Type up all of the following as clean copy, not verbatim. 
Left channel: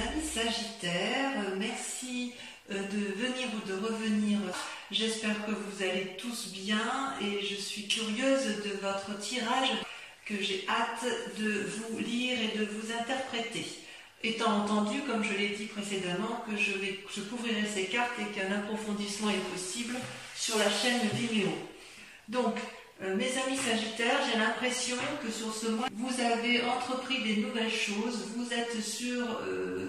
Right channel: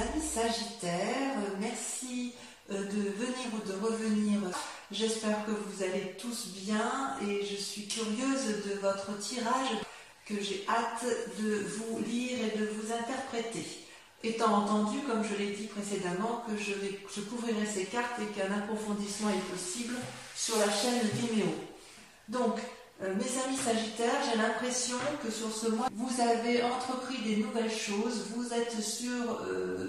amis Sagittaires, merci de venir ou de revenir. J'espère que vous allez tous bien et je suis curieuse de votre tirage que j'ai hâte de vous lire et de vous interpréter. Étant entendu, comme je l'ai dit précédemment, que je couvrirai ces cartes et qu'un approfondissement est possible sur la chaîne Vimeo. Donc, mes amis Sagittaires, j'ai l'impression que sur ce mois, vous avez entrepris des nouvelles choses, vous êtes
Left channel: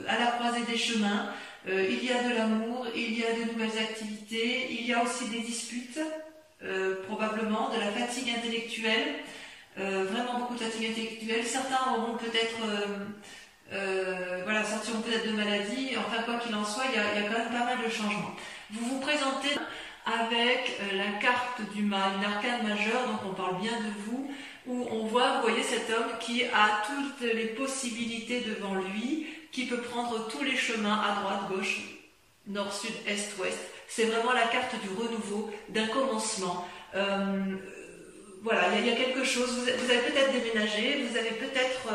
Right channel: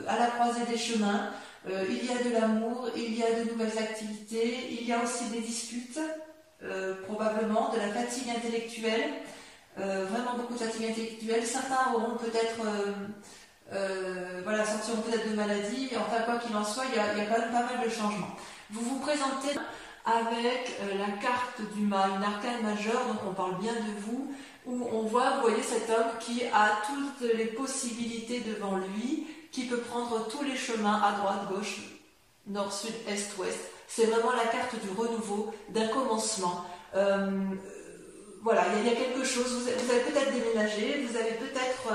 à la croisée des chemins, il y a de l'amour, il y a de nouvelles activités, il y a aussi des disputes, probablement, de la fatigue intellectuelle, vraiment beaucoup de fatigue intellectuelle. Certains auront peut-être, sortiront peut-être de maladie, enfin quoi qu'il en soit, il y a quand même pas mal de changements. Vous vous présentez avec la carte du une arcane majeure, donc on parle bien de vous, où on voit, vous voyez cet homme qui a toutes les possibilités devant lui, qui peut prendre tous les chemins à droite, gauche, nord, sud, est, ouest. C'est vraiment la carte du renouveau, d'un commencement. Voilà, il y a quelque chose, vous avez peut-être déménagé, vous avez peut-être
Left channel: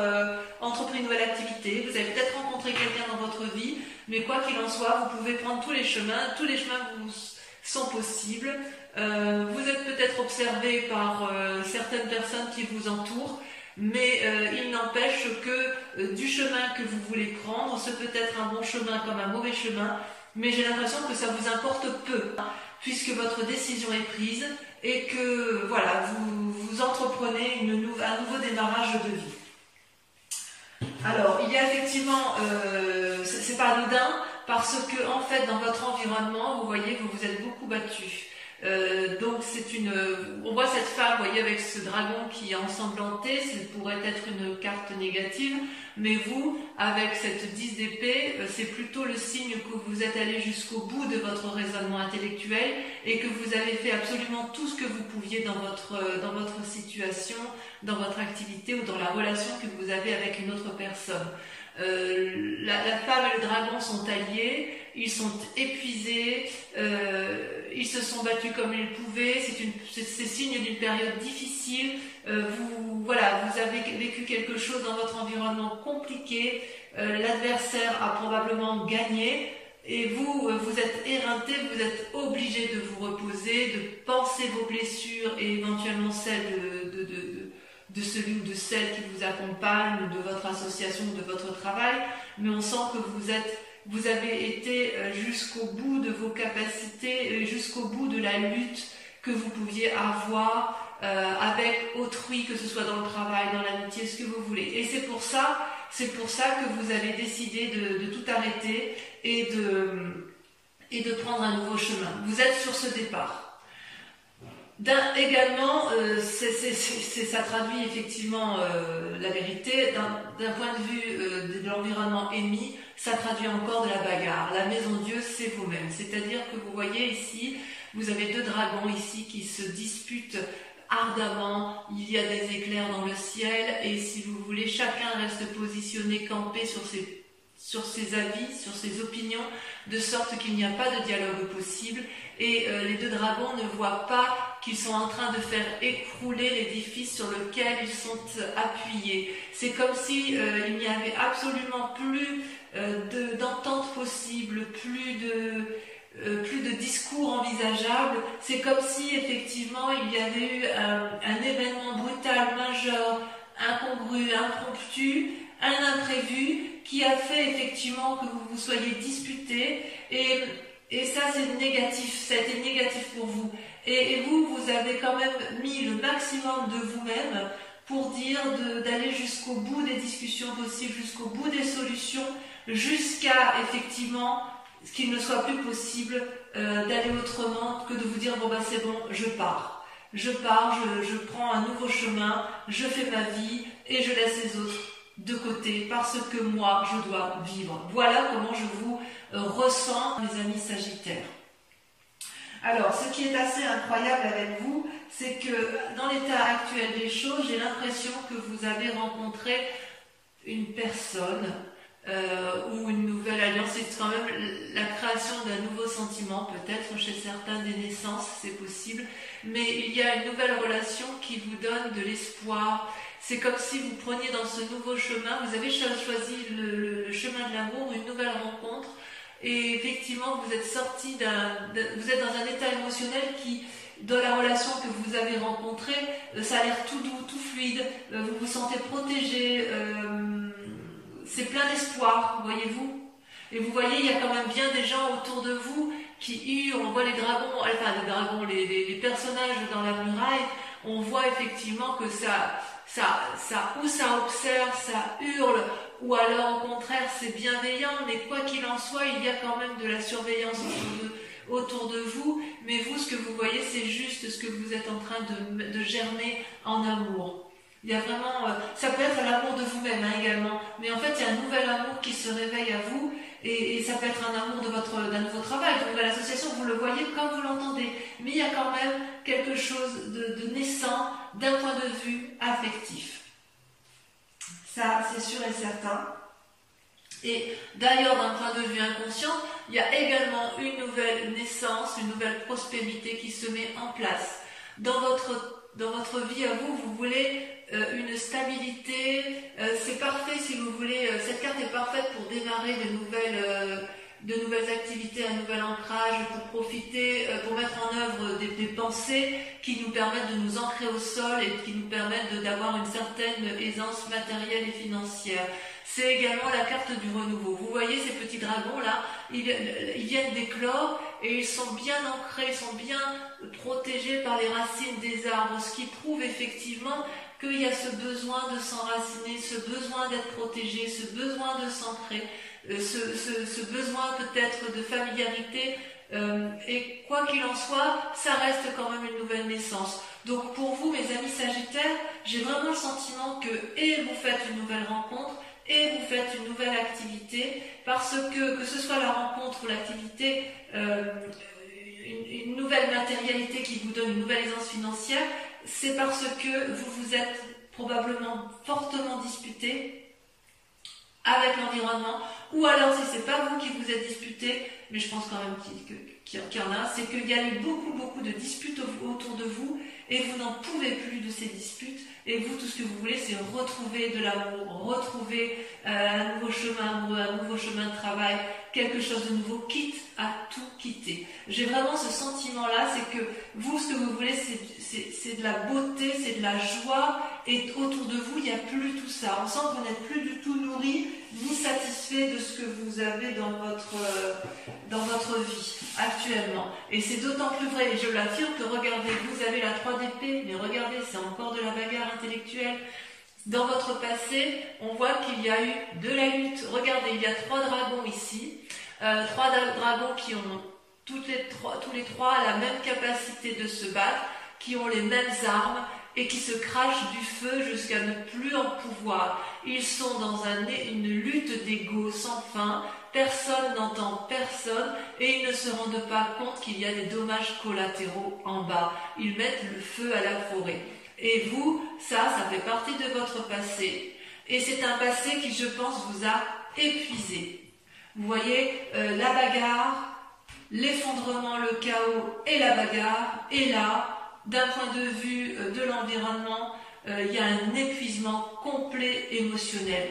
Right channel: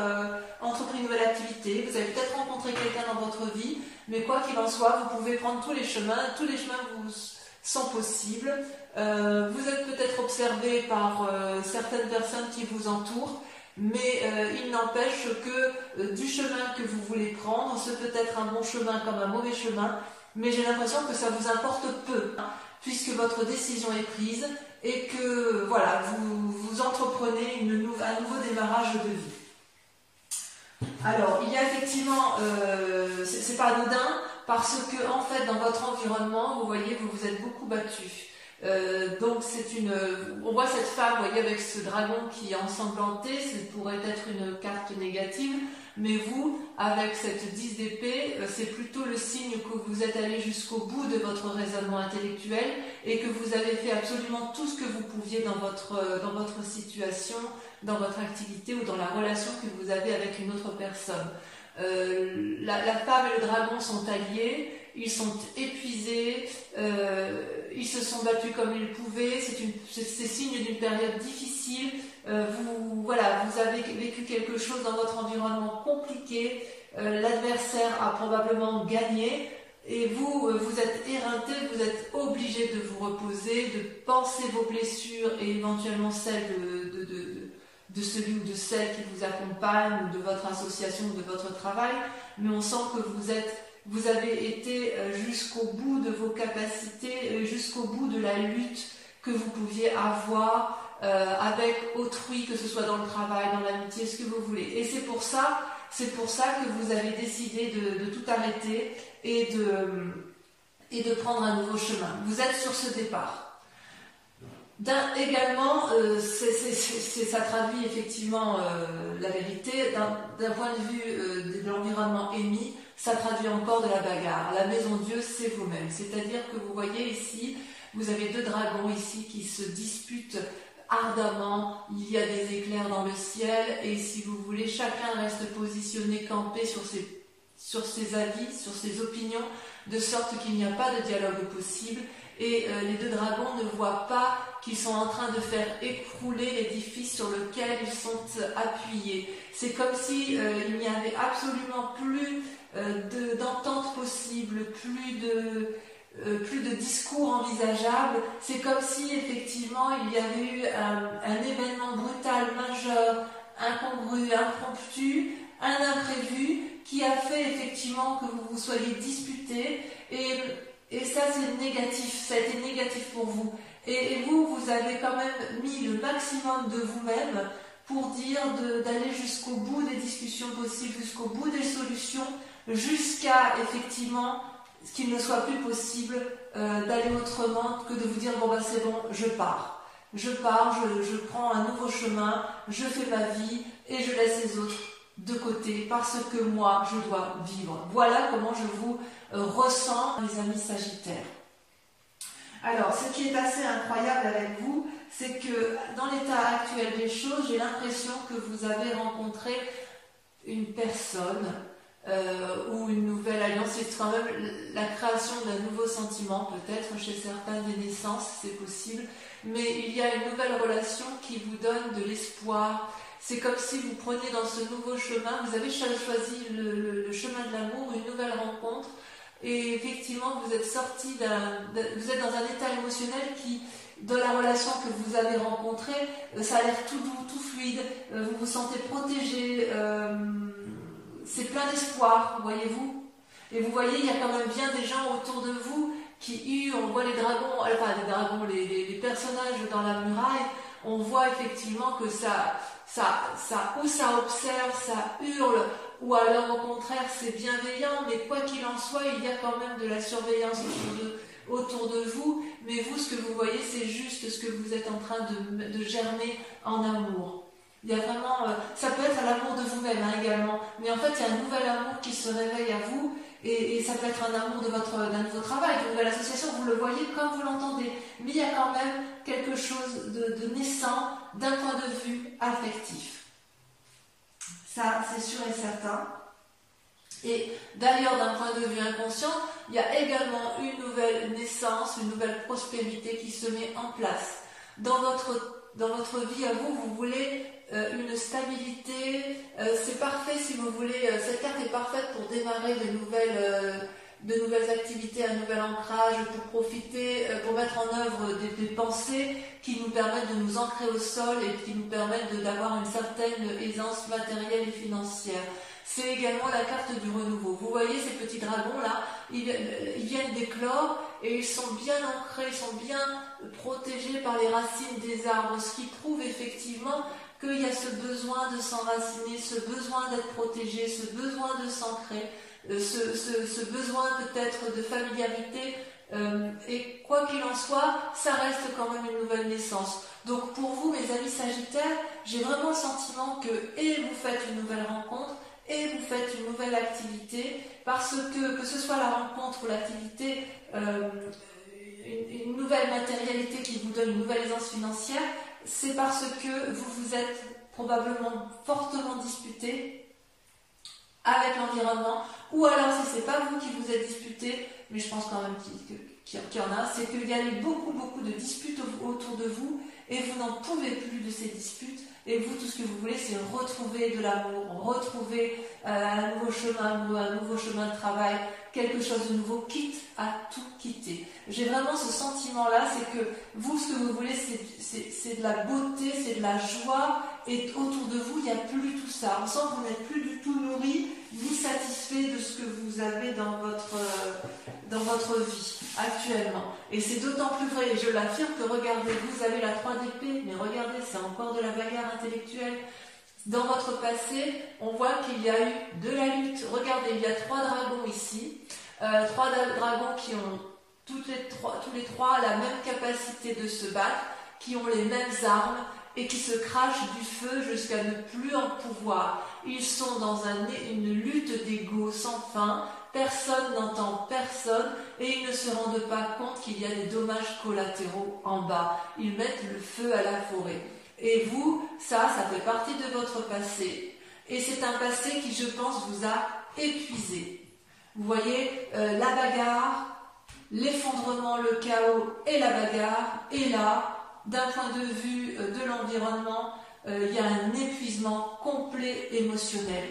entrepris une nouvelle activité, vous avez peut-être rencontré quelqu'un dans votre vie, mais quoi qu'il en soit, vous pouvez prendre tous les chemins vous sont possibles. Vous êtes peut-être observé par certaines personnes qui vous entourent, mais il n'empêche que du chemin que vous voulez prendre, ce peut être un bon chemin comme un mauvais chemin, mais j'ai l'impression que ça vous importe peu, puisque votre décision est prise et que voilà, vous entreprenez un nouveau démarrage de vie. Alors, il y a effectivement, c'est pas anodin, parce que en fait, dans votre environnement, vous voyez, vous vous êtes beaucoup battu. Donc on voit cette femme, vous voyez, avec ce dragon qui est ensanglanté, ça pourrait être une carte négative, mais vous, avec cette 10 d'épée, c'est plutôt le signe que vous êtes allé jusqu'au bout de votre raisonnement intellectuel et que vous avez fait absolument tout ce que vous pouviez dans votre situation, dans votre activité ou dans la relation que vous avez avec une autre personne. La femme et le dragon sont alliés, ils sont épuisés, ils se sont battus comme ils pouvaient, c'est signe d'une période difficile, vous avez vécu quelque chose dans votre environnement compliqué, l'adversaire a probablement gagné, et vous êtes éreinté, vous êtes obligé de vous reposer, de penser vos blessures et éventuellement celles de celui ou de celle qui vous accompagne, ou de votre association, ou de votre travail, mais on sent que vous avez été jusqu'au bout de vos capacités, jusqu'au bout de la lutte que vous pouviez avoir avec autrui, que ce soit dans le travail, dans l'amitié, ce que vous voulez. Et c'est pour ça que vous avez décidé de tout arrêter et de prendre un nouveau chemin. Vous êtes sur ce départ. Également, ça traduit effectivement la vérité. D'un point de vue de l'environnement émis, ça traduit encore de la bagarre. La maison Dieu, c'est vous-même. C'est-à-dire que vous voyez ici, vous avez deux dragons ici qui se disputent ardemment. Il y a des éclairs dans le ciel et si vous voulez, chacun reste positionné, campé sur ses avis, sur ses opinions, de sorte qu'il n'y a pas de dialogue possible. Et les deux dragons ne voient pas qu'ils sont en train de faire écrouler l'édifice sur lequel ils sont appuyés. C'est comme si il n'y avait absolument plus d'entente possible, plus de discours envisageable. C'est comme si effectivement il y avait eu un événement brutal, majeur, incongru, impromptu, un imprévu qui a fait effectivement que vous vous soyez disputés et ça c'est négatif, ça a été négatif pour vous. Et vous avez quand même mis le maximum de vous-même pour dire d'aller jusqu'au bout des discussions possibles, jusqu'au bout des solutions, jusqu'à effectivement qu'il ne soit plus possible d'aller autrement que de vous dire bon bah c'est bon, je pars, je prends un nouveau chemin, je fais ma vie et je laisse les autres de côté parce que moi je dois vivre. Voilà comment je vous ressens, mes amis Sagittaires. Alors, ce qui est assez incroyable avec vous, c'est que dans l'état actuel des choses, j'ai l'impression que vous avez rencontré une personne ou une nouvelle alliance. C'est quand même la création d'un nouveau sentiment, peut-être chez certains des naissances, c'est possible. Mais il y a une nouvelle relation qui vous donne de l'espoir. C'est comme si vous preniez dans ce nouveau chemin, vous avez choisi le chemin de amour, une nouvelle rencontre. Et effectivement, vous êtes sorti vous êtes dans un état émotionnel qui, dans la relation que vous avez rencontrée, ça a l'air tout doux, tout fluide, vous vous sentez protégé, c'est plein d'espoir, voyez-vous. Et vous voyez, il y a quand même bien des gens autour de vous qui on voit les dragons, enfin les personnages dans la muraille, on voit effectivement que ça observe, ça hurle, ou alors au contraire c'est bienveillant, mais quoi qu'il en soit, il y a quand même de la surveillance autour de vous, mais vous, ce que vous voyez, c'est juste ce que vous êtes en train de germer en amour. Il y a vraiment, ça peut être l'amour de vous-même également, mais en fait il y a un nouvel amour qui se réveille à vous, et ça peut être un amour d'un nouveau travail, d'une nouvelle association, vous le voyez comme vous l'entendez, mais il y a quand même quelque chose de naissant d'un point de vue affectif. Ça, c'est sûr et certain. Et d'ailleurs, d'un point de vue inconscient, il y a également une nouvelle naissance, une nouvelle prospérité qui se met en place. Dans votre vie à vous, vous voulez une stabilité, c'est parfait si vous voulez, cette carte est parfaite pour démarrer de nouvelles activités, un nouvel ancrage, pour profiter, pour mettre en œuvre des pensées qui nous permettent de nous ancrer au sol et qui nous permettent d'avoir une certaine aisance matérielle et financière. C'est également la carte du renouveau. Vous voyez ces petits dragons là, ils viennent d'éclore et ils sont bien ancrés, ils sont bien protégés par les racines des arbres, ce qui prouve effectivement qu'il y a ce besoin de s'enraciner, ce besoin d'être protégé, ce besoin de s'ancrer, ce besoin peut-être de familiarité, et quoi qu'il en soit, ça reste quand même une nouvelle naissance. Donc pour vous, mes amis Sagittaires, j'ai vraiment le sentiment que vous faites une nouvelle rencontre, et vous faites une nouvelle activité, parce que ce soit la rencontre ou l'activité, une nouvelle matérialité qui vous donne une nouvelle aisance financière, c'est parce que vous vous êtes probablement fortement disputé avec l'environnement, ou alors si c'est pas vous qui vous êtes disputé, mais je pense quand même qu'il y en a, c'est qu'il y a eu beaucoup de disputes autour de vous, et vous n'en pouvez plus de ces disputes, et vous, tout ce que vous voulez, c'est retrouver de l'amour, retrouver un nouveau chemin de travail, quelque chose de nouveau, quitte à tout quitter. J'ai vraiment ce sentiment-là, c'est que vous, ce que vous voulez, c'est de la beauté, c'est de la joie, et autour de vous, il n'y a plus tout ça. On sent que vous n'êtes plus du tout nourri, ni satisfait de ce que vous avez dans votre vie actuellement. Et c'est d'autant plus vrai, et je l'affirme, que regardez, vous avez la 3 d'épée, mais regardez, c'est encore de la bagarre intellectuelle. Dans votre passé, on voit qu'il y a eu de la lutte. Regardez, il y a 3 dragons ici, 3 dragons qui ont tous les trois la même capacité de se battre, qui ont les mêmes armes et qui se crachent du feu jusqu'à ne plus en pouvoir. Ils sont dans une lutte d'ego sans fin, personne n'entend personne et ils ne se rendent pas compte qu'il y a des dommages collatéraux en bas. Ils mettent le feu à la forêt. Et vous, ça fait partie de votre passé. Et c'est un passé qui, je pense, vous a épuisé. Vous voyez, la bagarre, l'effondrement, le chaos et la bagarre. Et là, d'un point de vue de l'environnement, il y a un épuisement complet émotionnel.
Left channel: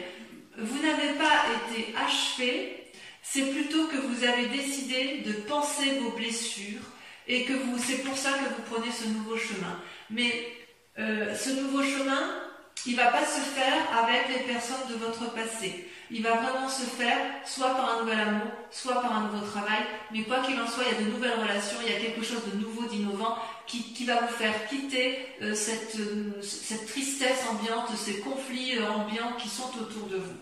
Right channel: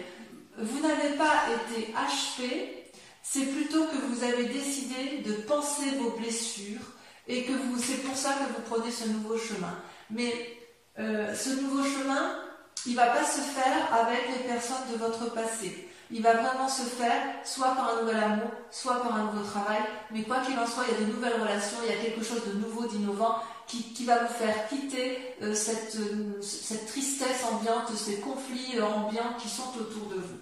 Vous n'avez pas été achevé, c'est plutôt que vous avez décidé de penser vos blessures et que c'est pour ça que vous prenez ce nouveau chemin. Mais ce nouveau chemin, il ne va pas se faire avec les personnes de votre passé. Il va vraiment se faire soit par un nouvel amour, soit par un nouveau travail. Mais quoi qu'il en soit, il y a de nouvelles relations, il y a quelque chose de nouveau, d'innovant qui va vous faire quitter cette tristesse ambiante, ces conflits ambiants qui sont autour de vous.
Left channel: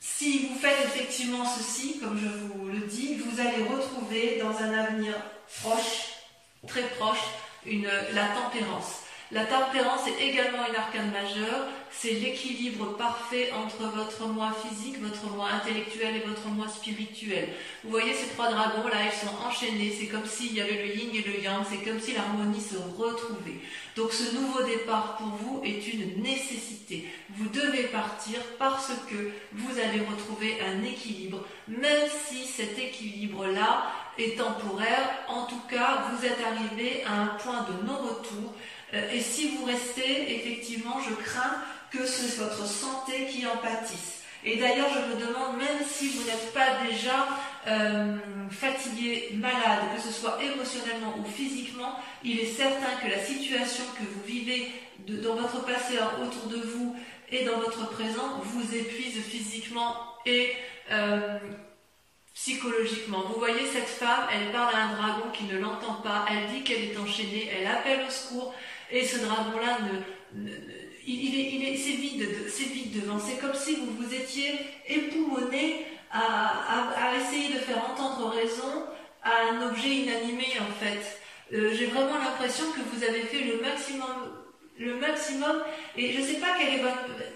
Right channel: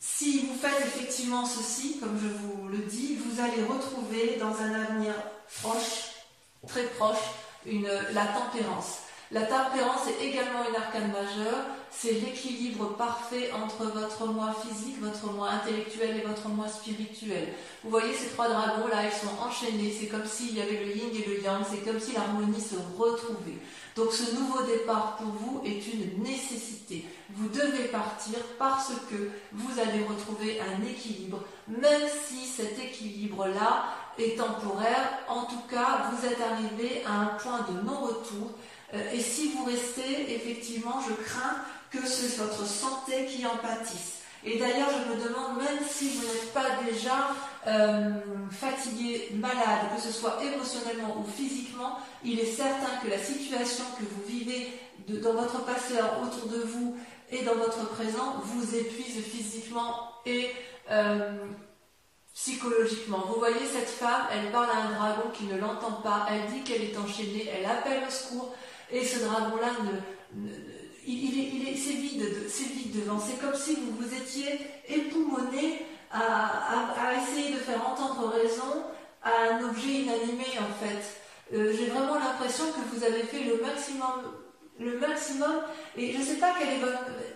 Si vous faites effectivement ceci, comme je vous le dis, vous allez retrouver dans un avenir proche, très proche, la tempérance. La tempérance est également une arcane majeure, c'est l'équilibre parfait entre votre moi physique, votre moi intellectuel et votre moi spirituel. Vous voyez ces 3 dragons là, ils sont enchaînés, c'est comme s'il y avait le yin et le yang, c'est comme si l'harmonie se retrouvait. Donc ce nouveau départ pour vous est une nécessité. Vous devez partir parce que vous allez retrouver un équilibre, même si cet équilibre-là est temporaire. En tout cas, vous êtes arrivé à un point de non-retour. Et si vous restez, effectivement, je crains que c'est votre santé qui en pâtisse. Et d'ailleurs, je me demande, même si vous n'êtes pas déjà fatigué, malade, que ce soit émotionnellement ou physiquement, il est certain que la situation que vous vivez dans votre passé autour de vous et dans votre présent vous épuise physiquement et psychologiquement. Vous voyez cette femme, elle parle à un dragon qui ne l'entend pas, elle dit qu'elle est enchaînée, elle appelle au secours et ce dragon-là c'est vide devant. C'est comme si vous vous étiez époumoné à essayer de faire entendre raison à un objet inanimé en fait. J'ai vraiment l'impression que vous avez fait le maximum et je ne sais pas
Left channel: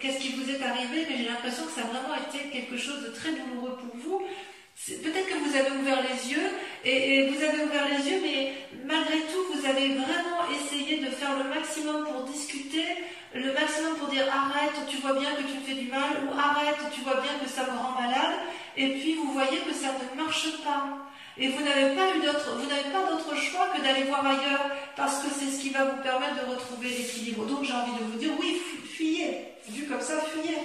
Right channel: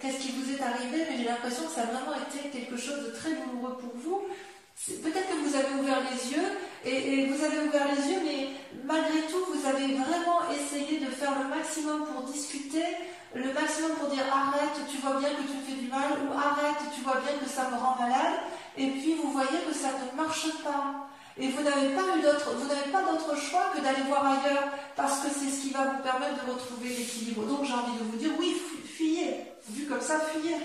qu'est-ce qui vous est arrivé, mais j'ai l'impression que ça a vraiment été quelque chose de très douloureux pour vous. Peut-être que vous avez ouvert les yeux et vous avez ouvert les yeux, mais malgré tout vous avez vraiment essayé de faire le maximum pour discuter, le maximum pour dire arrête, tu vois bien que tu me fais du mal, ou arrête, tu vois bien que ça me rend malade, et puis vous voyez que ça ne marche pas. Et vous n'avez pas d'autre choix que d'aller voir ailleurs, parce que c'est ce qui va vous permettre de retrouver l'équilibre. Donc j'ai envie de vous dire, oui, fuyez, vu comme ça, fuyez.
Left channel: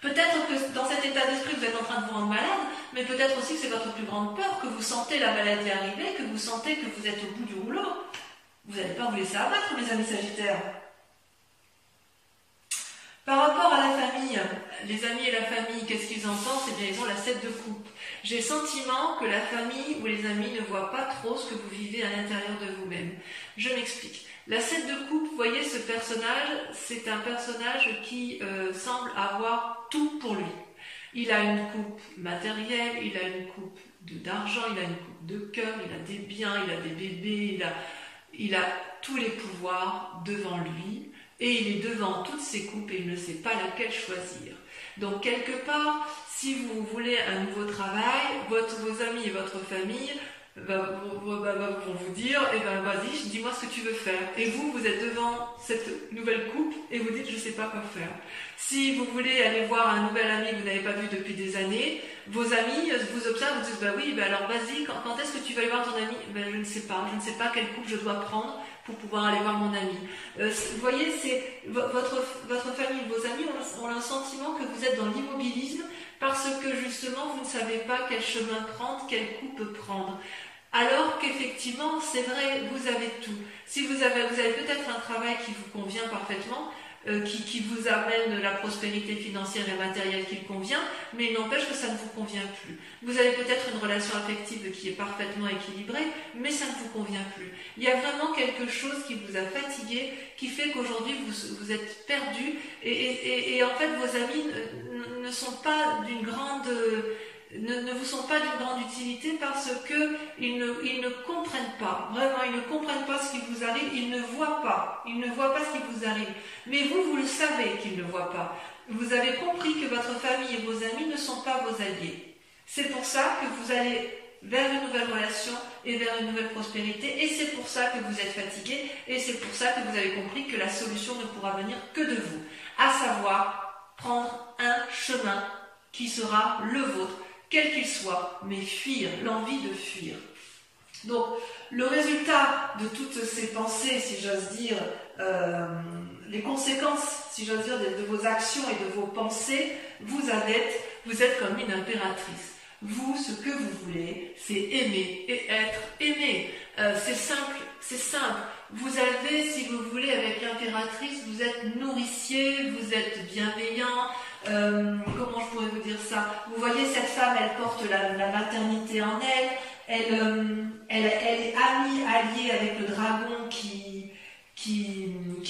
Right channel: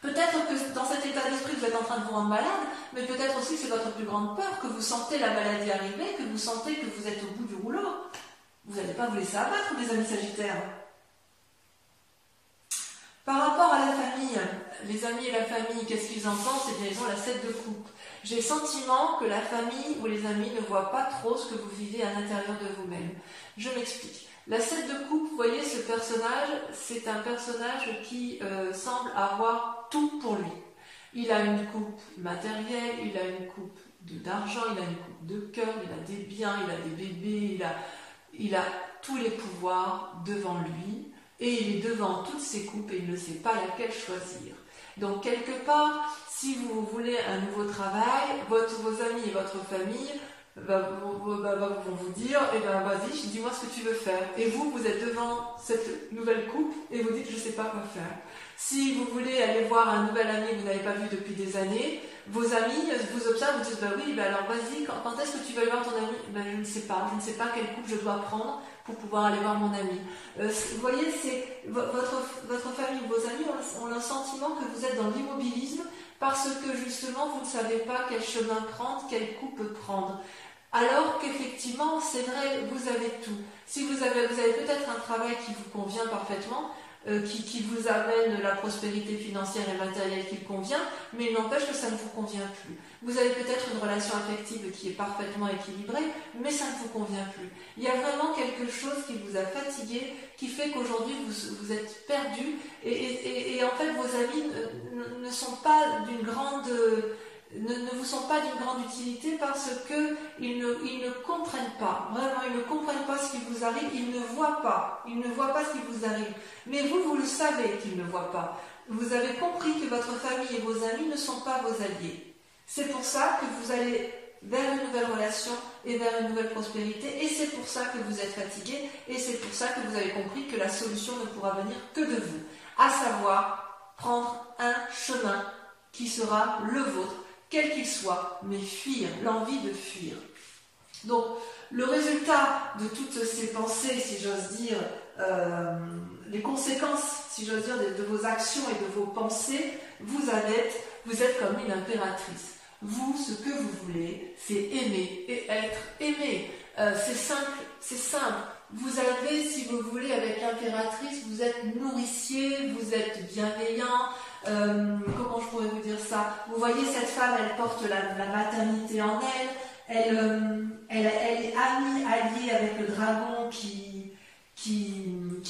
Peut-être que dans cet état d'esprit, vous êtes en train de vous rendre malade, mais peut-être aussi que c'est votre plus grande peur, que vous sentez la maladie arriver, que vous sentez que vous êtes au bout du rouleau. Vous n'allez pas vous laisser abattre, mes amis Sagittaires. Par rapport à la famille, les amis et la famille, qu'est-ce qu'ils en pensent? Eh bien, ils ont la 7 de coupe. J'ai le sentiment que la famille ou les amis ne voient pas trop ce que vous vivez à l'intérieur de vous-même. Je m'explique. La 7 de coupe, vous voyez, ce personnage, c'est un personnage qui semble avoir tout pour lui. Il a une coupe matérielle, il a une coupe d'argent, il a une coupe de cœur, il a des biens, il a des bébés, il a tous les pouvoirs devant lui. Et il est devant toutes ces coupes et il ne sait pas laquelle choisir. Donc quelque part, si vous voulez un nouveau travail, vos amis et votre famille vont vous dire, eh ben vas-y, dis-moi ce que tu veux faire. Et vous êtes devant cette nouvelle coupe et vous dites, je ne sais pas quoi faire. Si vous voulez aller voir un nouvel ami que vous n'avez pas vu depuis des années, vos amis vous observent, vous disent, bah oui, bah alors vas-y, quand est-ce que tu vas aller voir ton ami? Ben je ne sais pas quelle coupe je dois prendre pour pouvoir aller voir mon ami. Vous voyez, c'est votre famille, vos amis ont le sentiment que vous êtes dans l'immobilisme parce que justement vous ne savez pas quel chemin prendre, quelle coupe prendre. Alors qu'effectivement, c'est vrai, vous avez tout. Si vous avez peut-être un travail qui vous convient parfaitement, qui vous amène la prospérité financière et matérielle qui convient, mais il n'empêche que ça ne vous convient plus. Vous avez peut-être une relation affective qui est parfaitement équilibrée, mais ça ne vous convient plus. Il y a vraiment quelque chose qui vous a fatigué, qui fait qu'aujourd'hui vous êtes perdu, et en fait vos amis ne sont pas d'une grande... Ne vous sont pas d'une grande utilité parce qu'ils ne comprennent pas, vraiment ils ne comprennent pas ce qui vous arrive, ils ne voient pas ce qui vous arrive. Mais vous le savez qu'ils ne voient pas. Vous avez compris que votre famille et vos amis ne sont pas vos alliés. C'est pour ça que vous allez vers une nouvelle relation et vers une nouvelle prospérité, et c'est pour ça que vous êtes fatigué, et c'est pour ça que vous avez compris que la solution ne pourra venir que de vous, à savoir prendre un chemin qui sera le vôtre, quel qu'il soit, mais fuir, l'envie de fuir. Donc, le résultat de toutes ces pensées, si j'ose dire, les conséquences, si j'ose dire, de vos actions et de vos pensées, vous êtes comme une impératrice. Vous, ce que vous voulez, c'est aimer et être aimé. C'est simple. Vous avez, si vous voulez, avec l'impératrice, vous êtes nourricier, vous êtes bienveillant. Comment je pourrais vous dire ça? Vous voyez, cette femme, elle porte la maternité en elle. Elle est alliée avec le dragon qui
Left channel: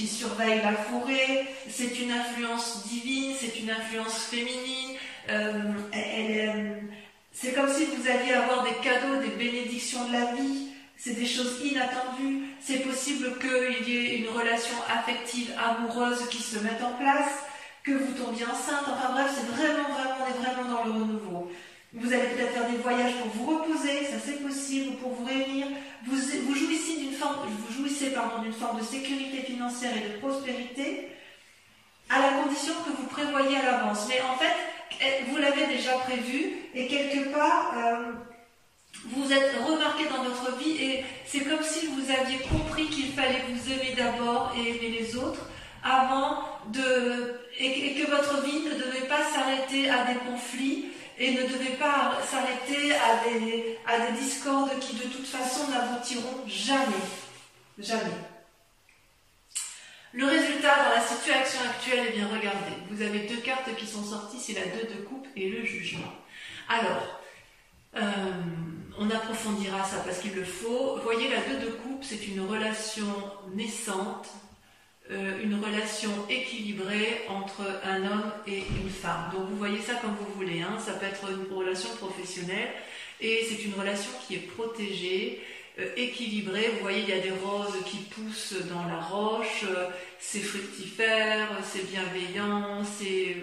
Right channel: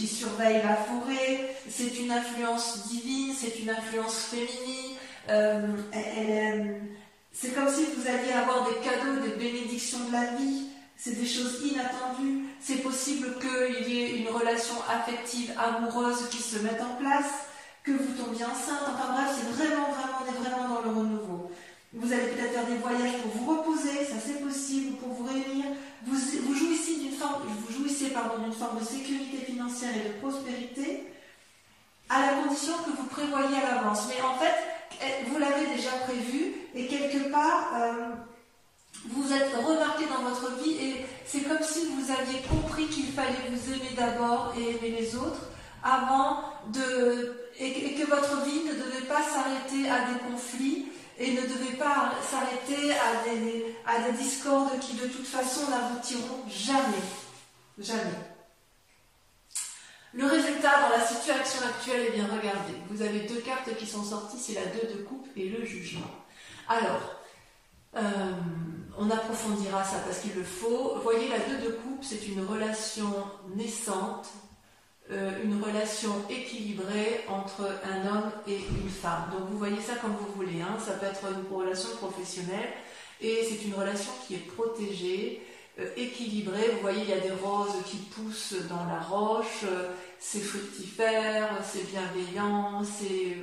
surveille la forêt. C'est une influence divine, c'est une influence féminine. C'est comme si vous alliez avoir des cadeaux, des bénédictions de la vie. C'est des choses inattendues. C'est possible qu'il y ait une relation affective, amoureuse qui se mette en place, que vous tombiez enceinte. Enfin bref, c'est vraiment, on est vraiment dans le renouveau. Vous allez peut-être faire des voyages pour vous reposer, ça c'est possible, pour vous réunir. Vous jouissez d'une forme de sécurité financière et de prospérité, à la condition que vous prévoyez à l'avance. Mais en fait, vous l'avez déjà prévu, et quelque part, vous êtes remarqué dans votre vie, et c'est comme si vous aviez compris qu'il fallait vous aimer d'abord et aimer les autres, et que votre vie ne devait pas s'arrêter s'arrêter à des conflits et ne devait pas s'arrêter à des discordes qui de toute façon n'aboutiront jamais. Jamais. Le résultat dans la situation actuelle, eh bien regardez, vous avez deux cartes qui sont sorties, c'est la 2 de coupe et le jugement. Alors, on approfondira ça parce qu'il le faut. Vous voyez, la 2 de coupe, c'est une relation naissante, une relation équilibrée entre un homme et une femme. Donc vous voyez ça comme vous voulez, hein. Ça peut être une relation professionnelle et c'est une relation qui est protégée, équilibrée. Vous voyez, il y a des roses qui poussent dans la roche, c'est fructifère, c'est bienveillant, c'est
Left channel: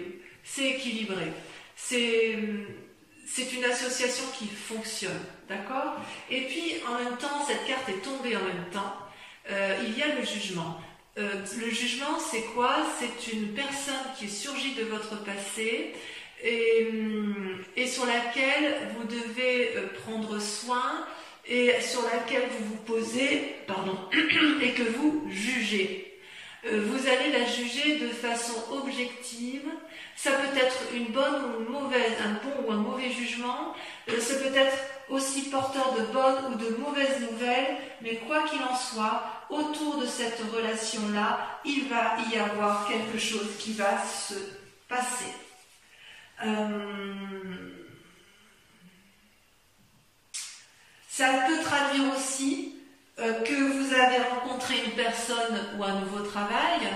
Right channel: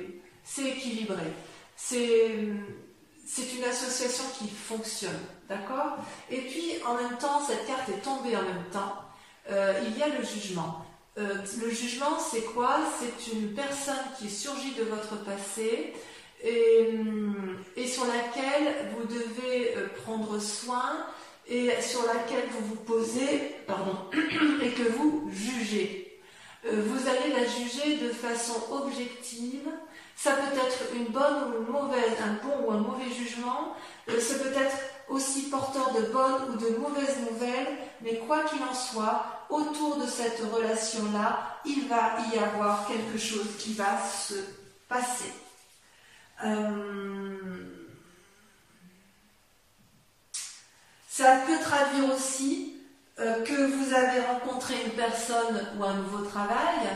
équilibré. C'est une association qui fonctionne, d'accord? Et puis, en même temps, cette carte est tombée en même temps, il y a le jugement. Le jugement, c'est quoi? C'est une personne qui surgit de votre passé et sur laquelle vous devez prendre soin et sur laquelle vous vous posez, et que vous jugez. Vous allez la juger de façon objective. Ça peut être une bonne ou une mauvaise, un bon ou un mauvais jugement. Ça peut être aussi porteur de bonnes ou de mauvaises nouvelles. Mais quoi qu'il en soit, autour de cette relation-là, il va y avoir quelque chose qui va se passer. Ça peut traduire aussi que vous avez rencontré une personne ou un nouveau travail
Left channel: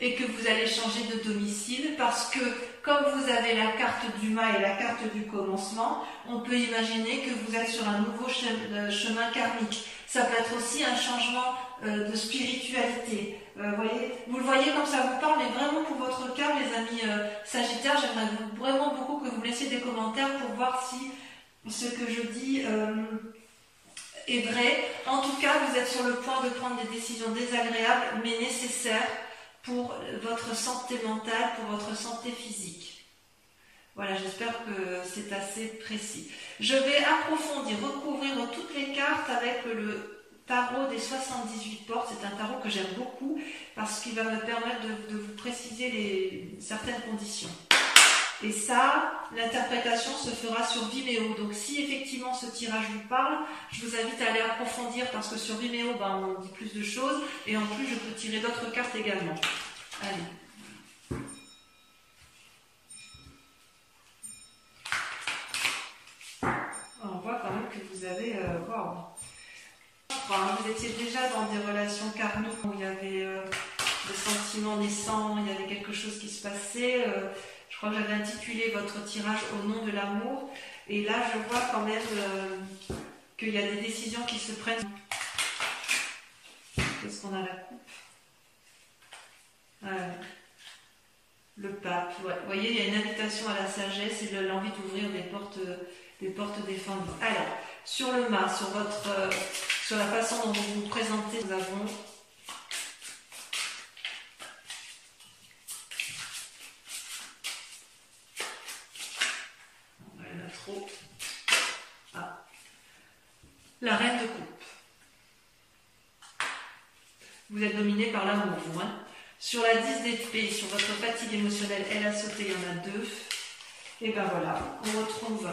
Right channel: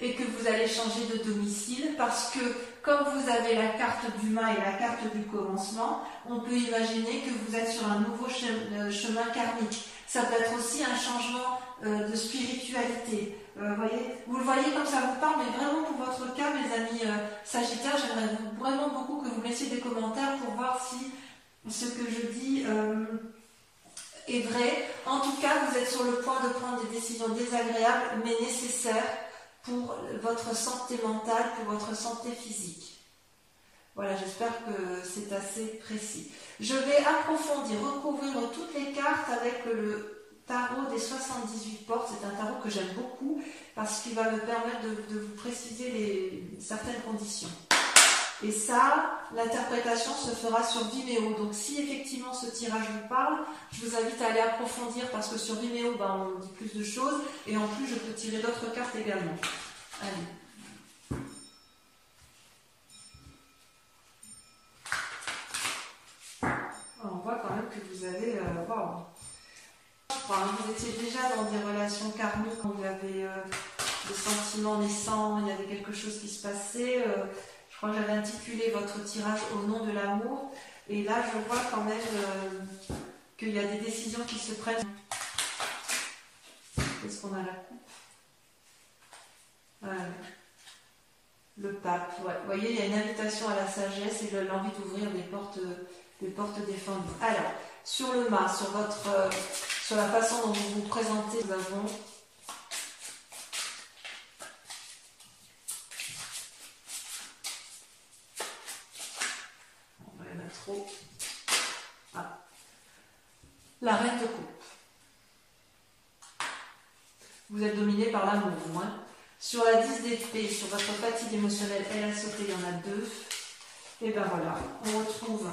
et que vous allez changer de domicile parce que comme vous avez la carte du mât et la carte du commencement, on peut imaginer que vous êtes sur un nouveau chemin karmique. Ça peut être aussi un changement de spiritualité. Vous le voyez comme ça vous parle, mais vraiment pour votre cas, mes amis Sagittaires, j'aimerais vraiment beaucoup que vous me laissiez des commentaires pour voir si ce que je dis est vrai. En tout cas, vous êtes sur le point de prendre des décisions désagréables, mais nécessaires pour votre santé mentale, pour votre santé physique. Voilà, j'espère que c'est assez précis. Je vais approfondir, recouvrir toutes les cartes avec le tarot des 78 portes. C'est un tarot que j'aime beaucoup parce qu'il va me permettre de vous préciser certaines conditions. Et ça, l'interprétation se fera sur Vimeo. Donc si effectivement ce tirage vous parle, je vous invite à aller approfondir parce que sur Vimeo, on dit plus de choses et en plus je peux tirer d'autres cartes également. Allez. On voit quand même que vous avez... wow. Vous étiez déjà dans des relations karmiques où il y avait des sentiments naissants, il y avait quelque chose qui se passait... Je crois que j'avais intitulé votre tirage au nom de l'amour. Et là, je vois quand même qu'il y a des décisions qui se prennent. Qu'est-ce qu'on a la coupe? Le pape. Ouais. Vous voyez, il y a une invitation à la sagesse et l'envie d'ouvrir des portes défendues. Alors, sur le mât, sur la façon dont vous vous présentez, nous avons... La reine de coupe. Vous êtes dominé par l'amour, vous. Sur la 10 d'épée, sur votre fatigue émotionnelle, elle a sauté, il y en a 2. Et ben voilà, on retrouve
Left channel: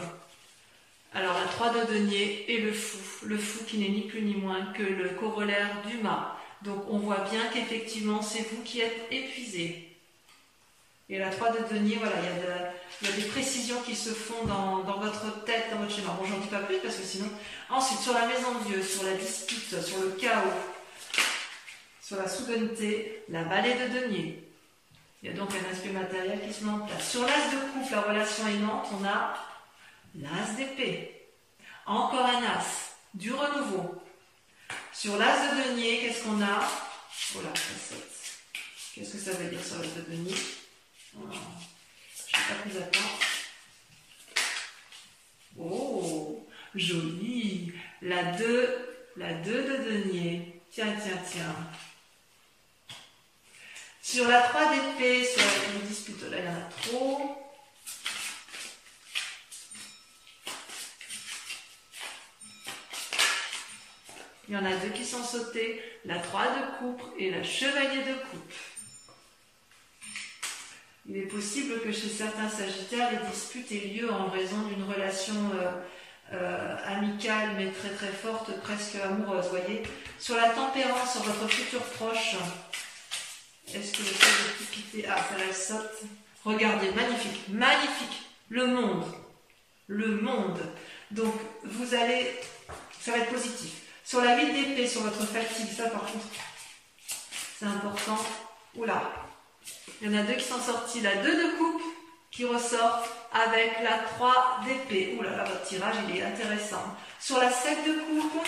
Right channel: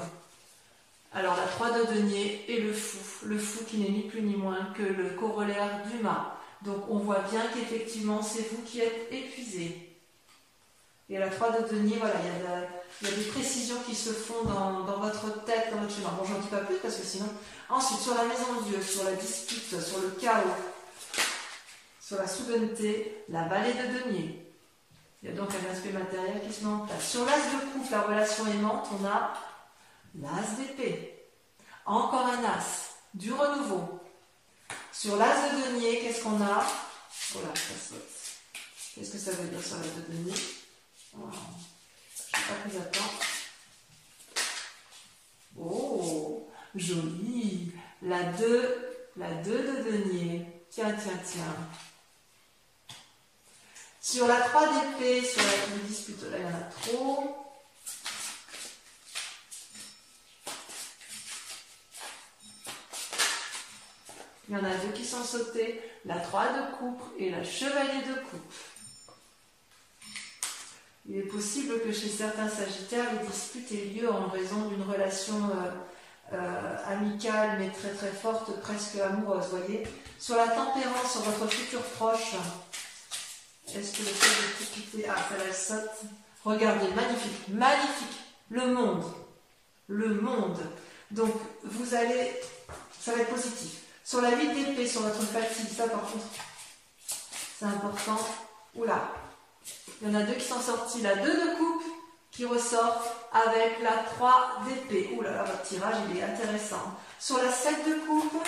alors la 3 de denier et le fou. Le fou qui n'est ni plus ni moins que le corollaire du mât. Donc on voit bien qu'effectivement c'est vous qui êtes épuisé. Et la 3 de denier, voilà, il y a des précisions qui se font dans votre tête, dans votre schéma. Bon, j'en dis pas plus parce que sinon... Ensuite, sur la maison de Dieu, sur la dispute, sur le chaos, sur la souveraineté, la balai de denier. Il y a donc un aspect matériel qui se met en place. Sur l'as de coupe, la relation aimante, on a l'as d'épée. Encore un as, du renouveau. Sur l'as de denier, qu'est-ce qu'on a? Oh là, ça saute. Qu'est-ce que ça veut dire sur l'as de denier? Oh, je n'ai pas pris à temps. Oh, joli. La 2 de denier. Tiens. Sur la 3 d'épée, sur la dispute, là il y en a trop. Il y en a 2 qui sont sautés. La 3 de coupe et la chevalier de coupe. Il est possible que chez certains Sagittaires, les disputes aient lieu en raison d'une relation amicale mais très très forte, presque amoureuse, voyez. Sur la tempérance, sur votre futur proche, est-ce que le fait de tout quitter... Ah, ça la saute. Regardez, magnifique, magnifique. Le monde. Le monde. Donc, vous allez... Ça va être positif. Sur la 8 d'épée, sur votre fatigue, ça par contre, c'est important. Oula. Il y en a deux qui sont sortis. La 2 de coupe qui ressort avec la 3 d'épée. Oula, là, votre tirage, il est intéressant. Sur la 7 de coupe...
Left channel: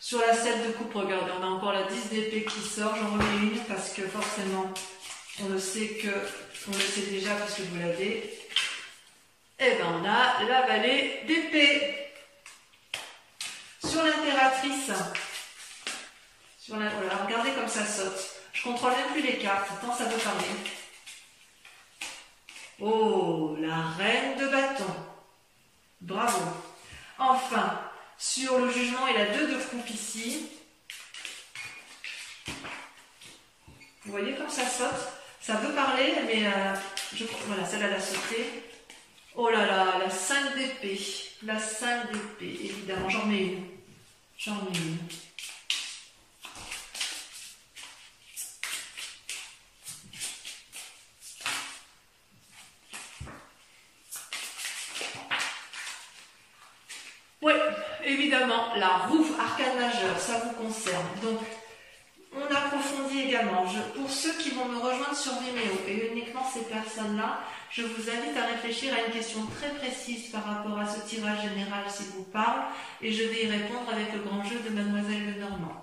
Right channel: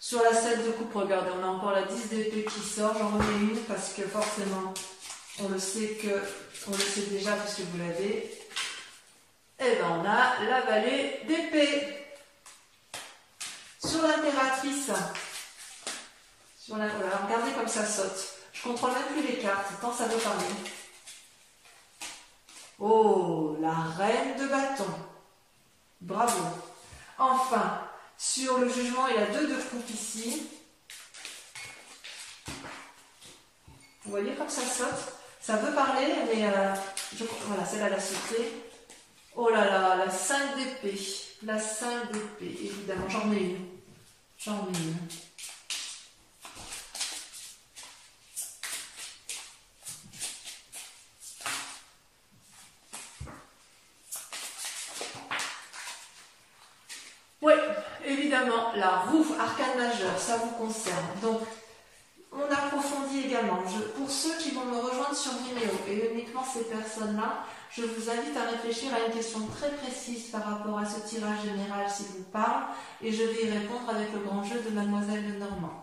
Sur la 7 de coupe, regardez, on a encore la 10 d'épée qui sort. J'en remets une parce que forcément, on le sait déjà puisque vous l'avez. Et ben on a la vallée d'épée. Sur l'impératrice, voilà, regardez comme ça saute. Je contrôle même plus les cartes, tant ça veut parler. Oh, la reine de bâton. Bravo. Enfin, sur le jugement et la 2 de coupe ici, vous voyez comme ça saute. Ça veut parler, mais voilà, celle-là l'a sauté. Oh là là, la 5 d'épée. La 5 d'épée, évidemment. J'en mets une. J'en mets une. Oui, évidemment, la roue, arcane majeur, ça vous concerne. Donc, on approfondit également. Pour ceux qui vont me rejoindre sur Vimeo, et uniquement ces personnes-là, je vous invite à réfléchir à une question très précise par rapport à ce tirage général s'il vous parle, et je vais y répondre avec le grand jeu de Mademoiselle Lenormand.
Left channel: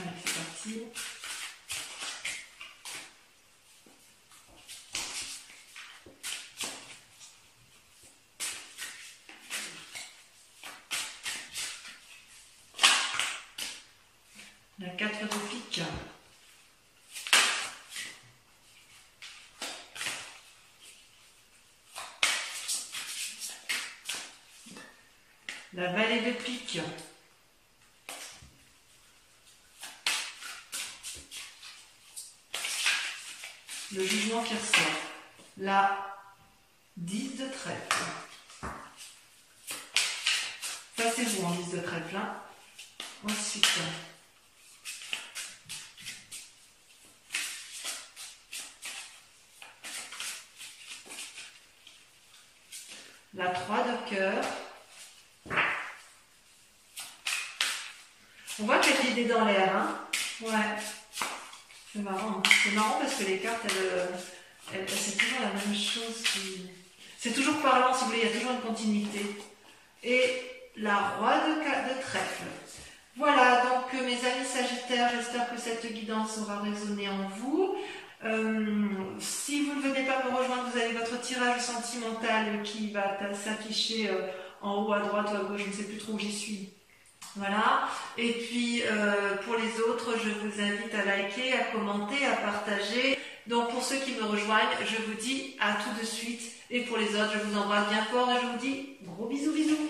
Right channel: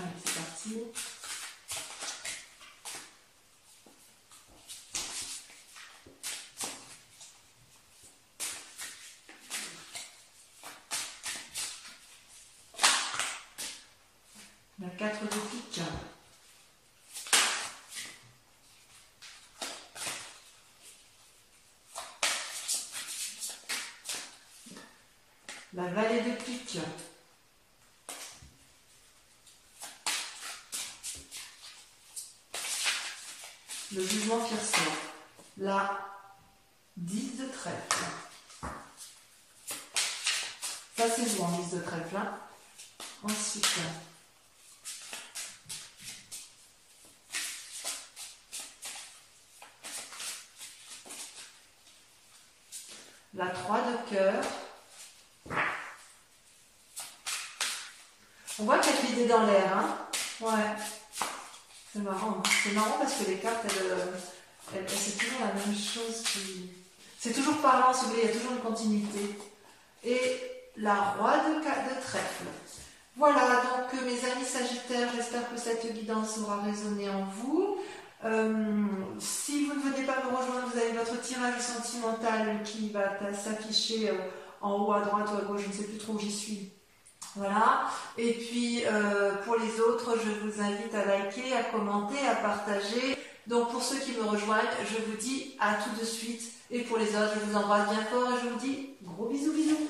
Allez, c'est parti. La 4 de pique. La vallée de pique. Le jugement qui ressort. La 10 de trèfle. Ça c'est vous en 10 de trèfle. Hein. Ensuite, la 3 de cœur. On voit qu'il y a de l'idée dans l'air. Hein. Ouais. C'est marrant. C'est marrant parce que les cartes, c'est toujours la même chose. C'est toujours parlant, si vous voulez, il y a toujours une continuité. Et la roi de trèfle. Voilà, donc mes amis Sagittaires, j'espère que cette guidance aura résonné en vous. Si vous ne venez pas me rejoindre, vous avez votre tirage sentimental qui va s'afficher en haut à droite ou à gauche, je ne sais plus trop où j'y suis. Voilà, et puis pour les autres, je vous invite à liker, à commenter, à partager. Donc pour ceux qui me rejoignent, je vous dis à tout de suite. Et pour les autres, je vous embrasse bien fort et je vous dis gros bisous bisous.